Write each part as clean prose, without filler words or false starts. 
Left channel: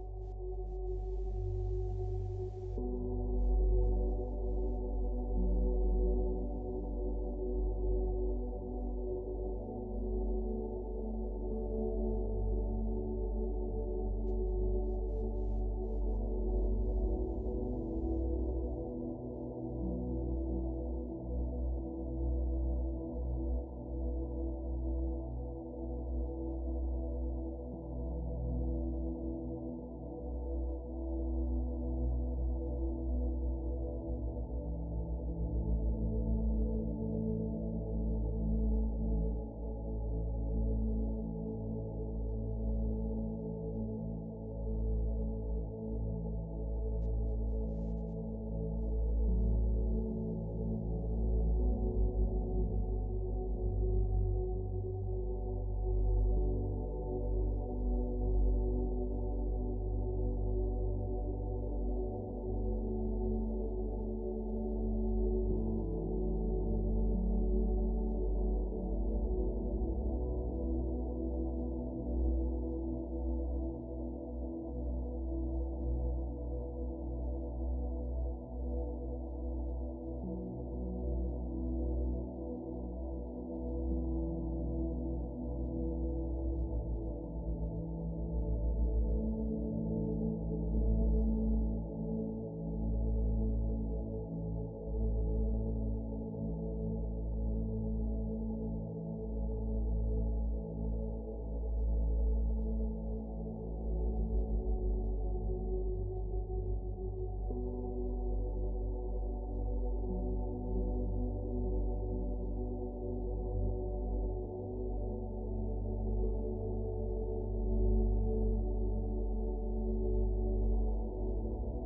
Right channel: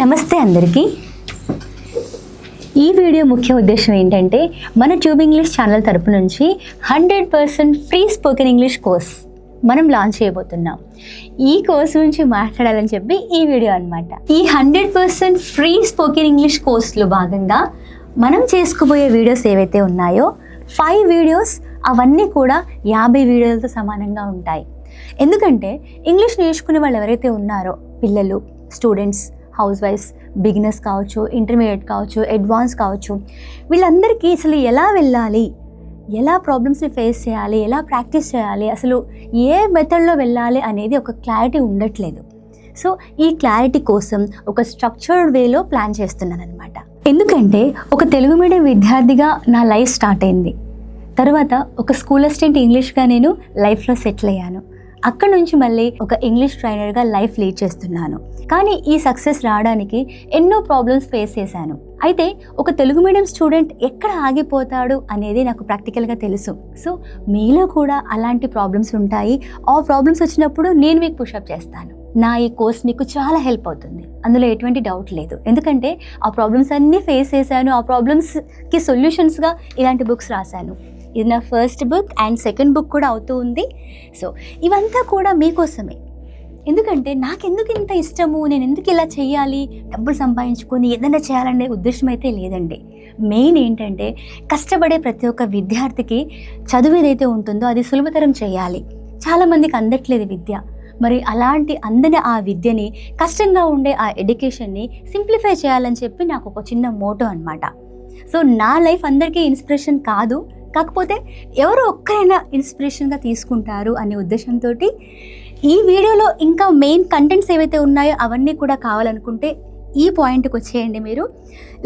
నమస్తే అందరికీ. ఈ వీడియో ముఖ్య ఉద్దేశం ఏంటంటే మన ట్యూబ్ ఇంగ్లీష్ ఛానల్ తరపు నుంచి 100% ఫ్రీ స్పోకెన్ ఇంగ్లీష్ కోర్స్ మనం లాంచ్ చేయబోతున్నాం. ఈ కోర్స్ గురించి మాట్లాడాలని చెప్పి ఈ వీడియో అన్నమాట. ఈ 100% ఫ్రీ స్పోకెన్ ఇంగ్లీష్ కోర్స్లో భాగంగా మనం చేసుకోబోయే వీడియోస్ ఏవైతే ఉన్నాయో 5 వీడియోస్ అవన్నీ కూడా 50 వీడియోలతో సమానంగా ఉంటాయి. ఎందుకంటే ఇంగ్లీష్ నేర్చుకునే వాళ్ళు ఎవరైతే ఉన్నారో పిల్లలు, స్టూడెంట్స్, హౌస్ వైఫ్స్, బిగినర్స్ కావచ్చు, ఇంటర్మీడియట్ కావచ్చు, అడ్వాన్స్ కావచ్చు, వీళ్ళందరికీ అసలు ఎలా వెళ్ళాలి, ఎలా ప్రాబ్లమ్స్ని ఫేస్ చేయాలి, ఎలా ప్రాక్టీస్ చేయాలి, అసలు ఏ మెథడ్లో వెళ్ళాలి అనేది ఒక క్లారిటీ ఉండట్లేదు. సో ఈ క్లారిటీ కోసం ఒక స్ట్రక్చర్డ్ వేలో ప్లాన్ చేస్తున్నాను అనమాట. ఎందుకంటే ఒక తెలుగు మీడియం విద్యార్థిగా నా లైఫ్ స్టార్ట్ అయింది. తర్వాత ఒక స్కూల్ అసిస్టెంట్ ఇంగ్లీష్గా నేను లైఫ్లో సెటిల్ అయ్యాను. అక్కడ నుంచి మళ్ళీ ఒక ఇంగ్లీష్ ట్రైనర్గా లైఫ్ లీడ్ చేస్తున్నాను. కానీ ఈ సక్సెస్ రావడానికి ఎన్నో ప్రాబ్లమ్స్ ఫేస్ చేశాను. అయితే ఒక తెలుగు మీడియం స్టూడెంట్ ఎక్కడ ఆగిపోతాడు అనేది నాకు ప్రాక్టికల్గా తెలుసు. సో మీలో కూడా అలాంటి ప్రాబ్లమ్స్ ఉంటాయి. ఆ ప్రాబ్లమ్స్ వచ్చినప్పుడు నేను మీకు పుషప్ చేస్తాను. నా ఈ కోర్స్ మీకు చాలా హెల్ప్ అవుతుంది, అందులో ఎటువంటి డౌట్ లేదు. ఎందుకంటే ఆ ప్రాబ్లమ్స్ అన్నీ ఫేస్ చేశాను. ఆ ప్రాబ్లమ్స్కి సొల్యూషన్స్గా ఇలాంటి బుక్స్ రాశాను. ఇది నా first book and second book కూడా అవుతూ ఉంది. సో ఇవంతా కూడా మీకోసమే. ఎందుకంటే నాకెందుకు ఇంత ఇష్టము, నేను ఎందుకు ఇలా చేయాలి, డబ్బులు సంపాదించుకొని ఏదైనా చేయాలనే ఉద్దేశం అయితే లేదండి. మెయిన్ ఏంటంటే కష్టపడే ప్రతి ఒక్క విద్యార్థికి చదువు ఏదైతే ఉంటుందో అది సులభతరం చేయాలి. చాలామందికి అందట్లేదు విద్య. మరి అలాంటి అందని ఆ విద్యని, కష్టంగా ఉండే ఆ ఎడ్యుకేషన్ని సింప్లిఫై చేయాలని చెప్పి నాకు ఒక చిన్న మోటో అనమాట. సో నా లైఫ్ అందరికీ ఇన్స్పిరేషన్ కాదు, కాకపోతే ఎవరో ఒక్కరైనా ఇన్స్పిరేషన్గా తీసుకుంటారు అనే ఉద్దేశంతో ఈ వీడియోలో ఇంకా మెయిన్ కంటెంట్స్ ఏవైతే ఉన్నాయో అవన్నీ కూడా కావాలనుకుంటే ఈ పాయింట్కి వచ్చేయండి. మీరు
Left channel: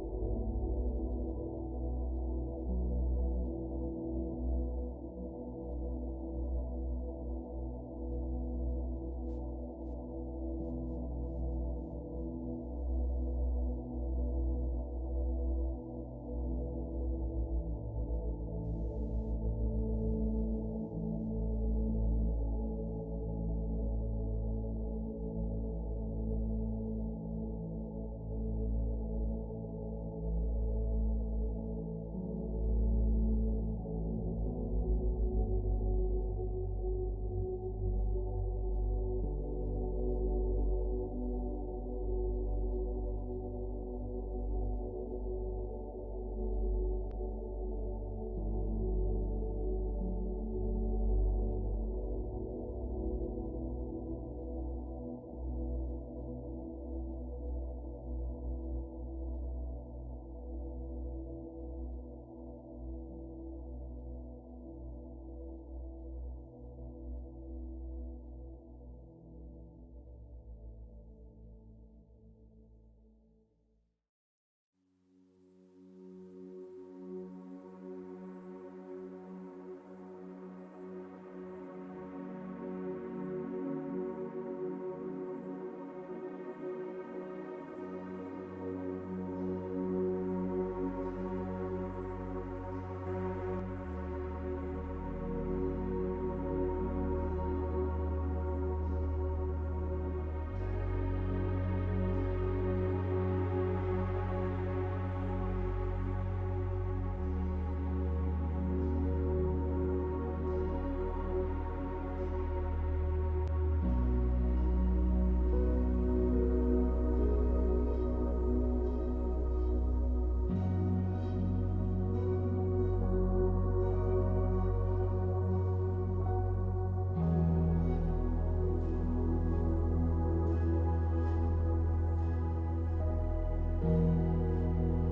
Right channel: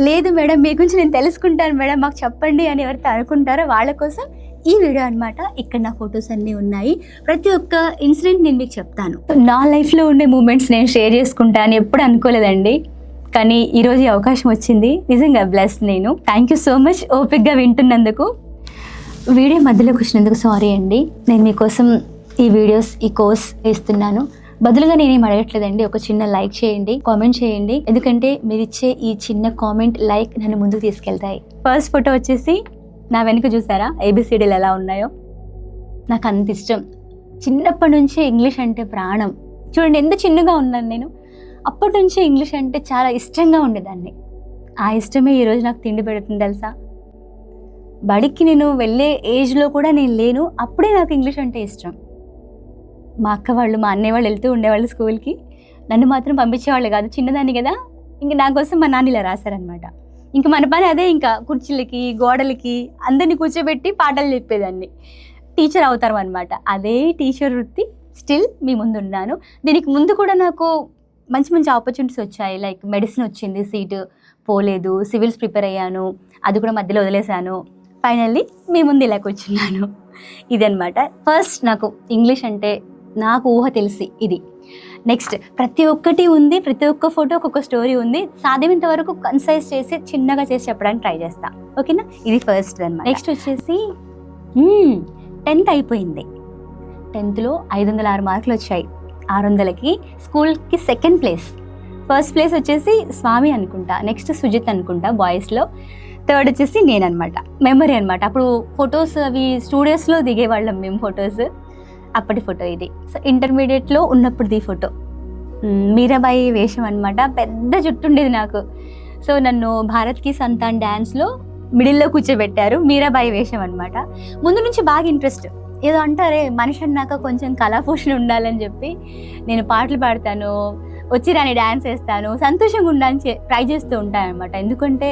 లేదు మేడం మీ గురించి నేను తెలుసుకుంటాను మేడం మాకు చెప్పండి అని ఎవరైతే అనుకుంటారో వాళ్ళ కోసం ఈ వీడియో అనమాట. ఇక్కడ నా ఫొటోస్ అన్నీ ఉన్నాయి. ప్రతి ఒక్క ఇన్సిడెంట్ నేను మీకు చెప్తాను. నా లైఫ్లో ఉండే మూమెంట్స్ నేను షేర్ చేసుకుంటాను ఎప్పుడు అనుకోలేదండి. కానీ ఈరోజు ఈ అవకాశం వచ్చింది. నిజంగా బ్లెస్ నేను. థ్యాంక్ యూ సో మచ్ ఓపిక్గా వింటున్నందుకు. వీడియో మధ్యలోకి వచ్చినందుకు సారీ అండి. నేను మీకోసం ఈ వీడియోస్, ఈ కోర్స్ ఇస్తున్నాను. బదులుగా నేనేం అడగట్లేదండి. ఒక చిన్న లైక్ చేయండి, కామెంట్ చేయండి. ఎందుకంటే మీరు ఇచ్చే ఈ చిన్న కామెంట్, లైక్ నన్ను ముందుకు తీసుకెళ్తాయి. ఫస్ట్ ఫోటో వచ్చేసి నా వెనుక చూసారా ABCDలు ఎలా ఉన్నాయో. నాకు అంత ఇష్టం. చిన్నప్పటి నుంచి ఇంగ్లీష్ అంటే ప్రాణం. చూడండి ఎంత చిన్నగా ఉన్నాను నేను. అప్పటి నుంచి ఇంగ్లీష్ అంటే చాలా ఇష్టంగా ఉండేదాన్ని. ఆ ఇష్టమే ఈరోజు నాకు తిండి పెడుతుంది తెలుసా. బడికి నేను వెళ్ళే ఏజ్లో కూడా నేను లేను. అప్పుడే నాకు ఇంగ్లీష్ అంటే ఇష్టం. మా అక్క వాళ్ళు, మా అన్నయ్య వాళ్ళు వెళ్తూ ఉండేవాళ్ళు స్కూల్కి. నన్ను మాత్రం పంపించేవాళ్ళు కాదు, చిన్నదాన్ని కదా. ఇంక నా కోసం మా నాన్న ఇలా రాశారనమాట. ఇంక మన పని అదే. ఇంకా కుర్చీలకి, గోడలకి అందరినీ కూర్చోబెట్టి పాటలు చెప్పేదాన్ని. టీచర్ అవుతారు అనమాట. అదే టీచర్ వృత్తి స్టిల్ మీ ముందు ఉన్నాను. దీనికి ముందు కూడా నాకు మంచి మంచి ఆపర్చునిటీస్ వచ్చాయి. లైక్ మెడిసిన్ వచ్చింది, సీటు పోలేదు. సివిల్స్ ప్రిపేర్ అయ్యాను, అది కూడా మధ్యలో వదిలేశాను. ఫైనల్లీ మీ ముందు ఇలా కూర్చున్నాను. ఇదనమాట. ఫస్ట్ నాకు ఇంగ్లీష్ అంటే నాకు ఊహ తెలిసి ఇది. నెక్స్ట్ ప్రతి ఒక్కటి ఉంది, ప్రతి ఒక్క ఫోటో ఒక్కొక్క స్టోరీ ఉంది. సాధ్యమైనంత వరకు కన్సైజ్ చేసి చిన్నగా చేసి చెప్పడానికి ట్రై చేస్తా. ఓకేనా, ఇది ఫస్ట్ అనమాట. నెక్స్ట్ వచ్చేసి 10th అయిపోయింది. 10thలో 506 మార్కులు వచ్చాయి. 600కి స్కూల్కి సెకండ్ ప్లేస్. ఫస్ట్ ప్లేస్ వచ్చేసి స్వామి అనుకుంటా, నెక్స్ట్ సుజిత్ అనుకుంటా బాయ్స్లో, థర్డ్ వచ్చేసి నేను అనమాట. మెమరీ అనమాట. అప్పుడు ఫొటోస్ అవి స్టూడియోస్లో దిగేవాళ్ళం మేము ఫొటోస్. అప్పటి ఫోటో ఇది. సో ఇంటర్మీడియట్లో ఉన్నప్పుడుది ఫోటో. మీరాబాయి వేషం అనమాట. పెద్ద జుట్టు ఉండేది నాకు. సో నన్ను భారత్ కి సంతాన్ డ్యాన్స్లో మిడిల్లో కూర్చోబెట్టారు. మీరాబాయి వేషం అనమాట. ముందు నుంచి బాగా ఇంట్రెస్ట్. ఏదో అంటారే మనిషి అన్నాక కొంచెం కళాపోషణ ఉండాలని చెప్పి నేను పాటలు పాడతాను, వచ్చి రాని డ్యాన్స్ వేస్తాను, సంతోషంగా ఉండాలని ట్రై చేస్తూ ఉంటాను అనమాట. ఎందుకంటే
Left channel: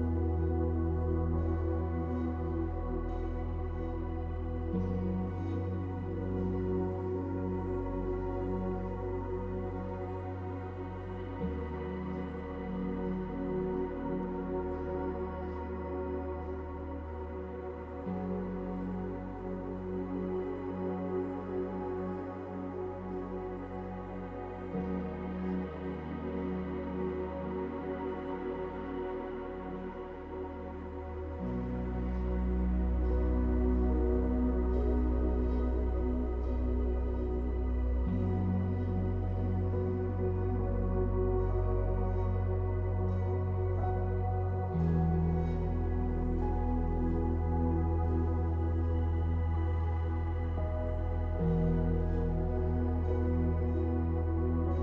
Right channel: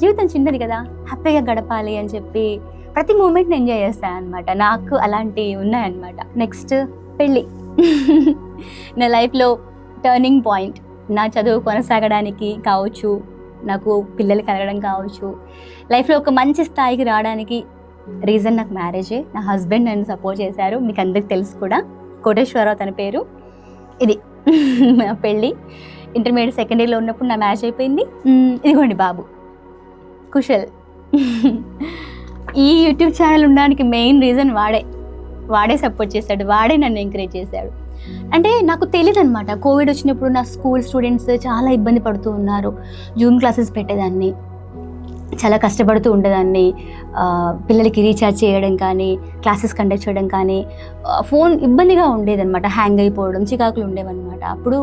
జీవితం చిన్నది కదా, హ్యాపీగా గడపాలి అని చెప్పి ప్రతి మూమెంట్ని ఎంజాయ్ చేస్తాను అనమాట. నాకు అలాంటివి ఉన్నాయన్నమాట. నెక్స్ట్ పెళ్ళి. నా లైఫ్లో టర్నింగ్ పాయింట్. నా చదువు కొనసాగడానికి కావచ్చు, నాకు పిల్లలు కలగడం కావచ్చు, లైఫ్లో ఒక మంచి స్థాయికి రావడానికి రీజన్ నాకు మ్యారేజే. నా హస్బెండ్ నన్ను సపోర్ట్ చేశారు. మీకు అందరికి తెలుసు కూడా, కోటేశ్వరరావు తన పేరు. ఇది నా పెళ్ళి. ఇంటర్మీడియట్ సెకండ్ ఇయర్లో ఉన్నప్పుడు నా మ్యారేజ్ అయిపోయింది. ఇదిగోండి బాబు కుశల్. ఈ యూట్యూబ్ ఛానల్ ఉండడానికి మెయిన్ రీజన్ వాడే సపోర్ట్ చేశాడు, వాడే నన్ను ఎంకరేజ్ చేశాడు. అంటే నాకు తెలియదు అనమాట. కోవిడ్ వచ్చినప్పుడు నా స్కూల్ స్టూడెంట్స్ చాలా ఇబ్బంది పడుతూ ఉన్నారు. జూమ్ క్లాసెస్ పెట్టేదాన్ని, చాలా కష్టపడుతూ ఉండేదాన్ని. పిల్లలకి రీఛార్జ్ చేయడం కానీ, క్లాసెస్ కండక్ట్ చేయడం కానీ, ఫోన్ ఇబ్బందిగా ఉండేదన్నమాట. హ్యాంగ్ అయిపోవడం, చికాకులు ఉండేవన్నమాట. అప్పుడు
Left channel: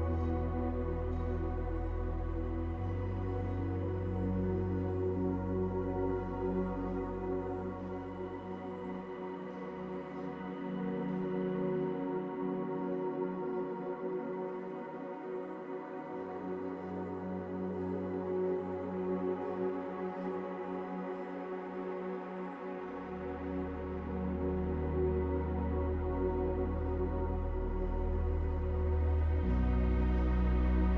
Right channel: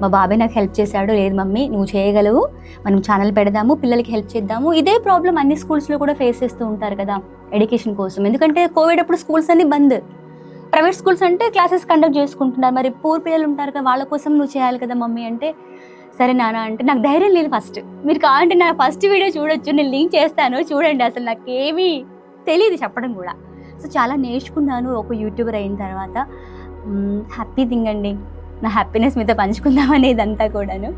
మా బాబాయ్ నాకు హెల్ప్ చేశాడు. లేదు మమ్మీ, నువ్వు చేయగలవు, మనం ఛానల్ పెడదాము, పిల్లలకి హెల్ప్ చేద్దాము. ఇదే ప్రాబ్లం అన్ని స్కూల్స్లో కూడా ఫేస్ చేస్తూ ఉంటారు కదా ఎడ్యుకేషన్ కోసం. ఎందుకంటే కోవిడ్ అప్పుడు స్కూల్స్ అన్ని బంద్. ప్రైవేట్ స్కూల్స్ అంటే క్లాసెస్ కండక్ట్ చేసుకుంటున్నారు. మరి పూర్ పిల్లలు ఉంటారు కదా, వాళ్ళ కోసం నువ్వు చేయాలి కదా మమ్మీ అంటే, సరే నాన్న అంటే నాకు ధైర్యం లేదు ఫస్ట్. మీరు కావాలంటే నా ఫస్ట్ వీడియో చూడొచ్చు, నేను లింక్ చేస్తాను చూడండి. అసలు నాకు ఏమీ తెలియదు చెప్పడం కూడా. సో చాలా నేర్చుకున్నాను ఒక యూట్యూబర్ అయిన తర్వాత. హ్యాపీ థింగ్ అండి, నా హ్యాపీనెస్ మీతో పంచుకుందాం అనేది అంతా కూడాను.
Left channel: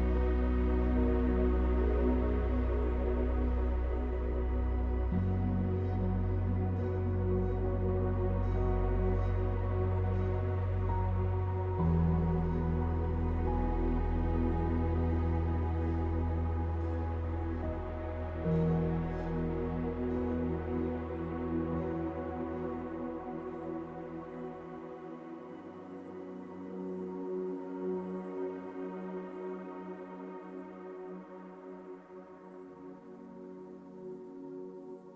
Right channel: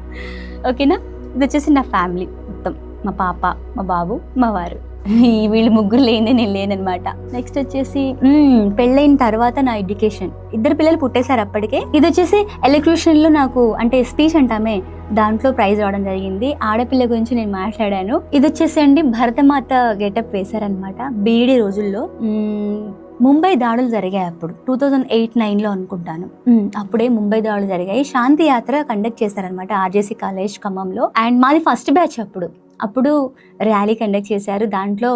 ఓకేనా, ఇది వచ్చేసి నా ఫ్యామిలీ మొత్తం, మా పాప, మా బాబు, మా వారు. వీళ్ళు ముగ్గురు లేని నేను లేననమాట. నెక్స్ట్ వచ్చేసి పెళ్ళైన తర్వాత నా ఎడ్యుకేషన్. 2 పిల్లలు పుట్టేశారు అప్పటికే. ఇది వచ్చేసి ఎలక్ట్యూషన్లో నాకు అంటే స్పీచ్ అంటామే, దాంట్లో ప్రైజ్ రావడం జరిగింది. ఆడపిల్ల గురించి నేను మాట్లాడాను. ఇది వచ్చేసి అండి భరతమాత గెటప్ వేశారనమాట. బీఈడీ రోజుల్లో ముంబై దాడులు జరిగాయి అప్పుడు 2008-9లో అనుకుంటాను. అప్పుడే ముంబై దాడులు జరిగాయి. శాంతి యాత్ర కండక్ట్ చేశారనమాట ఆర్జేసీ కాలేజ్ ఖమ్మంలో. అండ్ మాది ఫస్ట్ బ్యాచ్. అప్పుడు ర్యాలీ కండక్ట్ చేశారు. దాంట్లో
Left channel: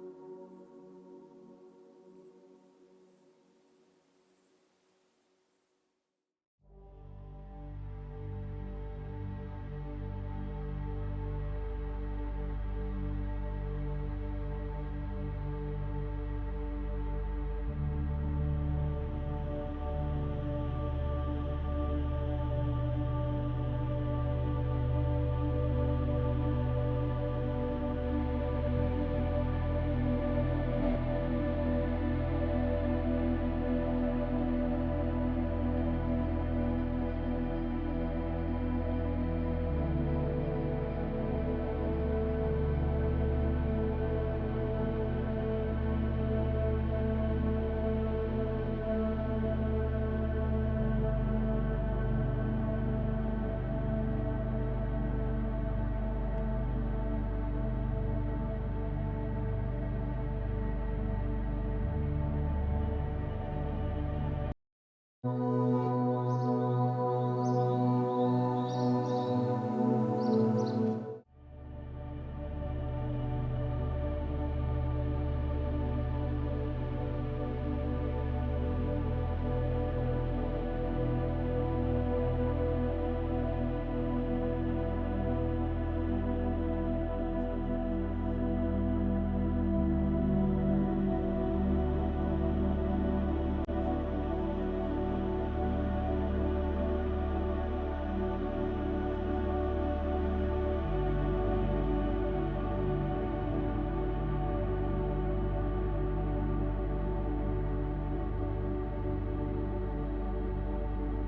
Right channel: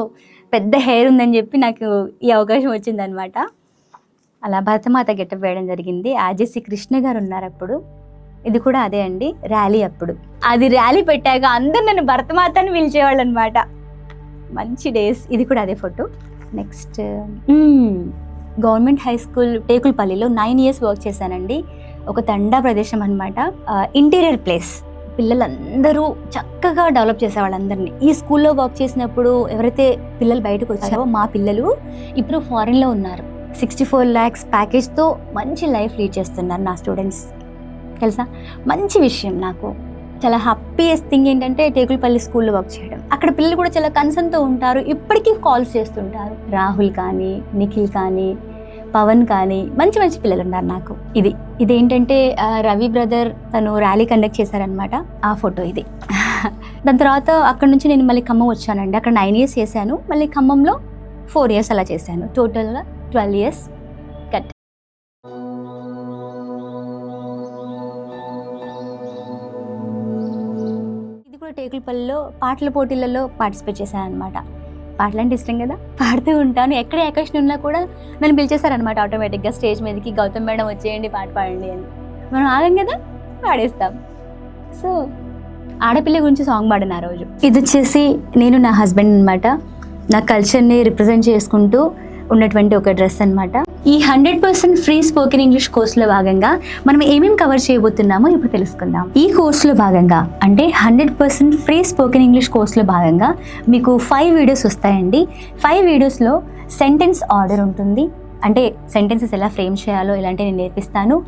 పెద్ద హెయిర్ ఉందని చెప్పి నాకు ఈ అవకాశం వచ్చిందనమాట. అలా భరతమాత గెటప్ వేయడం జరిగింది. ఆర్జేసీ కృష్ణ గారు ఉన్నారు అప్పుడు. ఇది కూడా అదే అండి, ర్యాలీ అప్పుడు. అది ర్యాలీ పెట్టాక అందరు నన్ను భరతమాత అని పిలిచేవాళ్ళు అనమాట. మంచి డేస్. ఇది కూడా అదే photo. Next government high school టేకుల్పల్లిలో 9 years వర్క్ చేశానండి. ఒక తండా ప్రదేశం అనమాట. Interior place. పిల్లలందరూ చక్కగా డెవలప్ చేసేవాళ్ళందరినీ. ఈ స్కూల్లో వర్క్ చేసినప్పుడు ఎవరైతే పిల్లలు బయటకు వచ్చారో మా పిల్లలు ఇప్పుడు ఫారిన్లో ఉన్నారు. 64 lakhs ప్యాకేజ్తో మంచి లైఫ్ లీడ్ చేస్తున్నారు నా స్టూడెంట్స్. తెలుసా, మంచి విషయం. నాకు చాలా హ్యాపీయెస్ట్ థింగ్ ఏంటంటే టేకుల్పల్లి స్కూల్లో వర్క్ చేయడం. అక్కడ పిల్లలు కూడా చాలా కన్సర్న్తో ఉంటారు. ఇప్పటికీ కాల్స్ చేస్తుంటారు. రాహుల్ కానీ, నిఖిల్ కానీ, పవన్ కానీ, మంచి మంచి పిల్లలు ఉన్నారు నాకు. ఇదేంటంటే రవి బ్రదర్ తను ర్యాలీ కండక్ట్ చేశారనమాట. ఆ ఫోటో ఇది. దాని తర్వాత అక్కడ నుంచి నేను మళ్ళీ ఖమ్మం వచ్చానండి. అక్కడ 9 years చేశాను. మళ్ళీ ఖమ్మంలో 4 years అలా చేశాను. టోటల్గా 12 years కట్. ఇది కూడా టేకుల్పల్లిలో పాటల పోటీలలో పార్టిసిపేట్ చేశాను అనమాట. పాటలు అంటే ఇష్టం కదా, పాడుతూ ఉంటాను. ఎక్కడ అకేషన్ ఉన్నా కూడా నన్ను పిలిచేశారనమాట ఆటోమేటిక్గా స్టేజ్ మీదకి. గౌతమ్ మేడం వచ్చేయండి, పాట పాడండి అని. మనం ఆగం కదా, పాడేస్తాం. సో ఆడపిల్ల గురించి సాంగ్ పాడిన ఆ రోజు. ఇది వచ్చేసి నేను నా హస్బెండ్ అనమాట. నా కల్చర్ని రిప్రజెంట్ చేసుకుంటూ ఉన్నటువంటి ఒక డ్రెస్ అనమాట. ఈ 100% ఫ్రీ స్పోకెన్ ఇంగ్లీష్ కోర్సులో భాగంగా మనం ఏమేమి కవర్ చేయబోతున్నామో ఇప్పుడు తెలుసుకుందాం. ఈ కోర్సులో భాగంగా అంటే 100% ఫ్రీ స్పోకెన్ ఇంగ్లీష్ కోర్సులో భాగంగా మీకు 5 వీడియోస్ వస్తాయండి. 5 వీడియోస్లో సెంటెన్స్ ఆర్డర్ ఉంటుంది. అంటే సెంటెన్సెస్ ఎలా ఫ్రేమ్ చేయాలో ఇలాంటివి నేను నేర్పిస్తాను.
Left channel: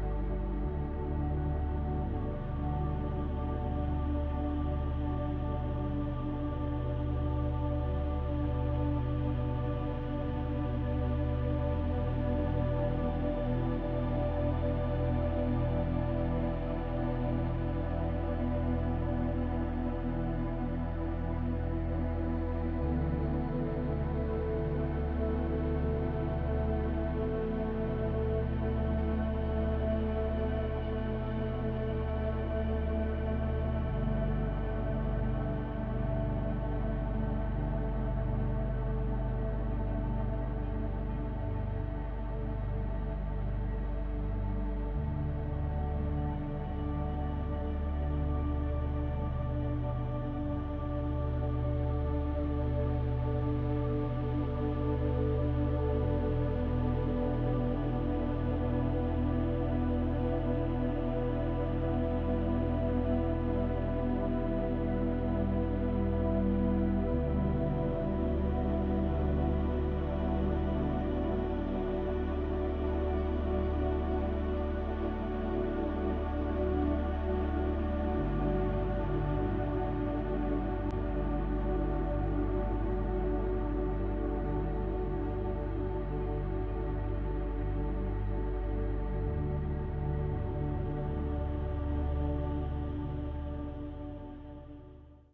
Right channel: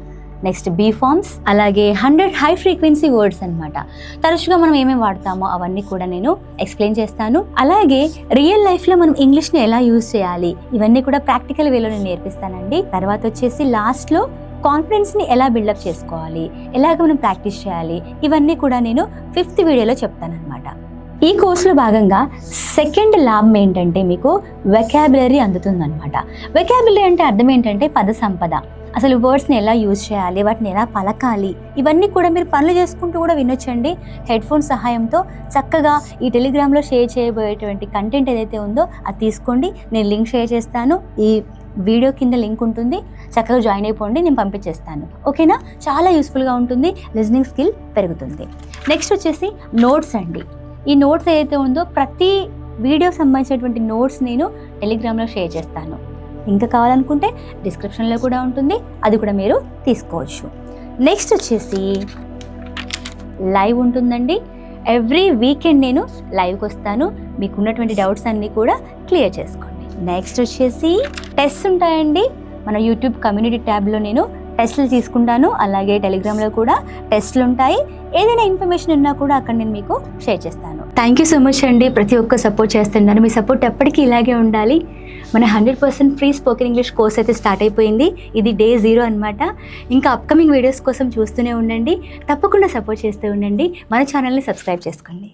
నెక్స్ట్ బీ ఫార్మ్స్, అలాగే 100 హై ఫ్రీక్వెన్సీ వర్డ్స్ అనమాట. తరచుగా మనం ఏమేమి వాడతామో అవన్నీ కూడా నేను ఎక్స్ప్లెయిన్ చేస్తాను. అలాగే రియల్ లైఫ్లో మనం ఇంగ్లీష్ని ఎలా యూజ్ చేయాలి ఇవన్నీ కూడా ప్రాక్టికల్ వేలో నేను నేర్పిస్తానండి. తర్వాత వచ్చేసి లాస్ట్లో కాన్ఫిడెన్స్ని ఎలా బిల్డప్ చేసుకోవాలి, ఎలాగ మనం ప్రాక్టీస్ చేయాలి, ఇవన్నీ కూడా నేను 5th వీడియోలో చెప్తానన్నమాట. ఈ కోర్సులో భాగంగా సెకండ్ లాభం ఏంటంటే మీకు వెకాబులరీ అందుతుందన్నమాట. వెకాబులరీ అంటే అర్థం ఏంటంటే పద సంపద. అసలు వర్డ్స్ని ఎలా యూజ్ చేయాలి, వాటిని ఎలా పలకాలి, ఇవన్నీ కూడా మీరు పనులు చేసుకుంటూ కూడా వినొచ్చండి. హెడ్ఫోన్ సహాయంతో చక్కగా ఈ టెలిగ్రామ్లో షేర్ చేయబోయేటువంటి కంటెంట్ ఏదైతే ఉందో అది తీసుకోండి. నేను లింక్ షేర్ చేస్తాను. ఈ వీడియో కింద లింక్ ఉంటుంది, చక్కగా జాయిన్ అయిపోండి, నేను పంపించేస్తాను. ఓకేనా, చాలా యూస్ఫుల్గా ఉంటుంది, లిజనింగ్ స్కిల్ పెరుగుతుంది. నెక్స్ట్ వచ్చేసి నోట్స్ అండి. ఈ నోట్స్ ఏదైతే ఉందో ప్రతి వీడియోకి సంబంధించినటువంటి నోట్స్ నేను టెలిగ్రామ్లో షేర్ చేస్తాను. ఇంకా కావాలనుకుంటే డిస్క్రిప్షన్లో కూడా ఉంటుంది, అది కూడా మీరు తీసుకోవచ్చు. నెక్స్ట్ వచ్చేసి లైవ్ ఉంటుందండి. ఎవ్రీ వీకెండ్ నేను లైవ్కి వస్తాను. మీకు ఉన్నటువంటి డౌట్స్ అన్నీ కూడా క్లియర్ చేసుకోండి. నెక్స్ట్ వచ్చేసి టెస్ట్స్ ఉంటాయండి. మన యూట్యూబ్ కమ్యూనిటీ ట్యాబ్లో నేను టెస్ట్లు తీసుకుంటాను. అలాగే టెలిగ్రామ్లో కూడా టెస్ట్లు ఉంటాయి. ఏదైనా ఇన్ఫర్మేషన్ ఉన్నా కూడా అక్కడ నేను మీకు షేర్ చేస్తాను. థ్యాంక్ యూ సో మచ్ అండి. ప్రతి ఒక్క సపోర్ట్ చేస్తున్నాను. మీ సపోర్ట్ ఎప్పటికీ ఇలాగే ఉండాలి. మన 100% ఫ్రీ స్పోకెన్ ఇంగ్లీష్ కోర్స్ అయితే స్టార్ట్ అయిపోయింది. ఇది Day 0 అనమాట. ఇంకా అప్కమింగ్ వీడియోస్ కోసం చూస్తూనే ఉండండి. తప్పకుండా సపోర్ట్ చేస్తూ ఉండండి. మన ఛానల్ని సబ్స్క్రైబ్ చేసుకోండి.